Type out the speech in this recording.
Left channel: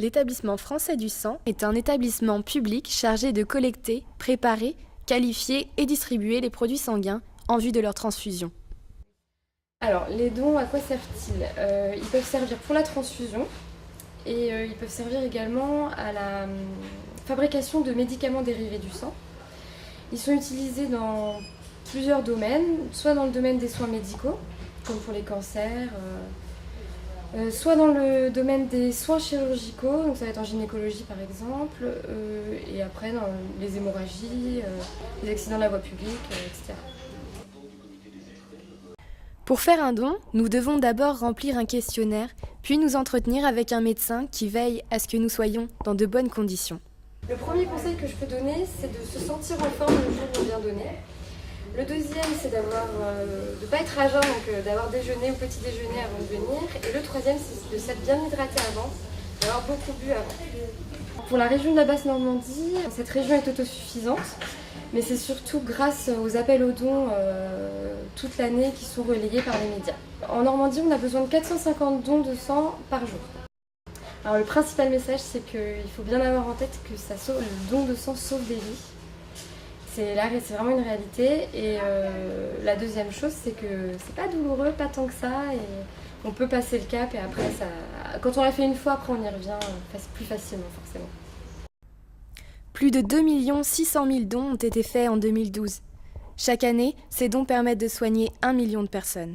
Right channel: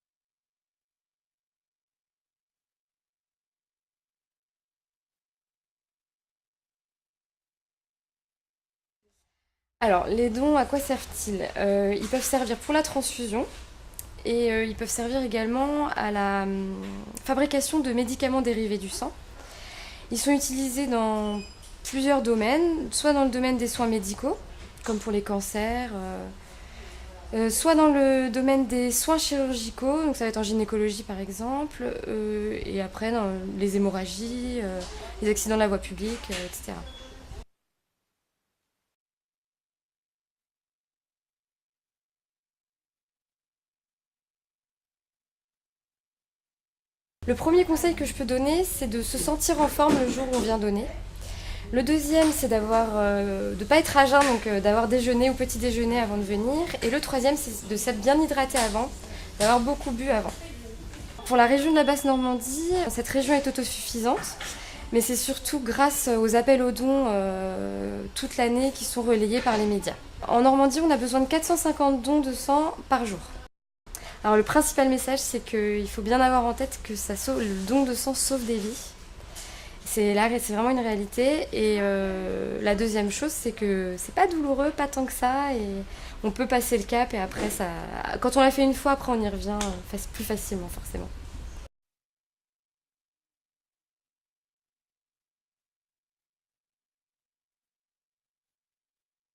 L'établissement français du sang est un établissement public chargé de collecter, préparer, qualifier et distribuer les produits sanguins en vue de leur transfusion. Alors, les dons, à quoi servent-ils? Ils peuvent servir pour la transfusion et ils peuvent servir également à la fabrication de médicaments dérivés du sang. Ils sont utilisés dans plusieurs domaines, soit dans le domaine des soins médicaux, comme pour les cancers, soit dans le domaine des soins chirurgicaux, donc ça va être en gynécologie par exemple, et après dans les hémorragies, les accidents de la voie publique, etc. Pour faire un don, nous devons d'abord remplir un questionnaire, puis nous entretenir avec un médecin qui veille à ce que nous soyons dans de bonnes conditions. Le premier conseil que je peux donner, c'est de se sentir en forme le jour où on vient donner. Le deuxième, c'est de ne pas être à jeun, donc d'avoir déjeuné ou petit déjeuner avant de venir. Et le troisième, c'est de s'être bien hydraté avant, d'avoir beaucoup bu avant. Pour la région de la Basse-Normandie, cette région est autosuffisante, mais c'est surtout grâce aux appels aux dons toute l'année qui sont relayés par les médias. En Normandie, on a besoin de 450 dons de sang par jour. Alors le principal message, c'est qu'il faut bien avoir en tête que le don de sang sauve des vies. C'est vraiment une réalité. Et la deuxième chose, c'est que c'est pas douloureux, pas tant que ça, et on peut passer le cap. Et après, quand on l'a fait une fois, après on y revient plus facilement, forcément. Plus de 2 600 000 dons ont été faits en 2012. Chaque année, ces dons permettent de soigner 1 million de personnes.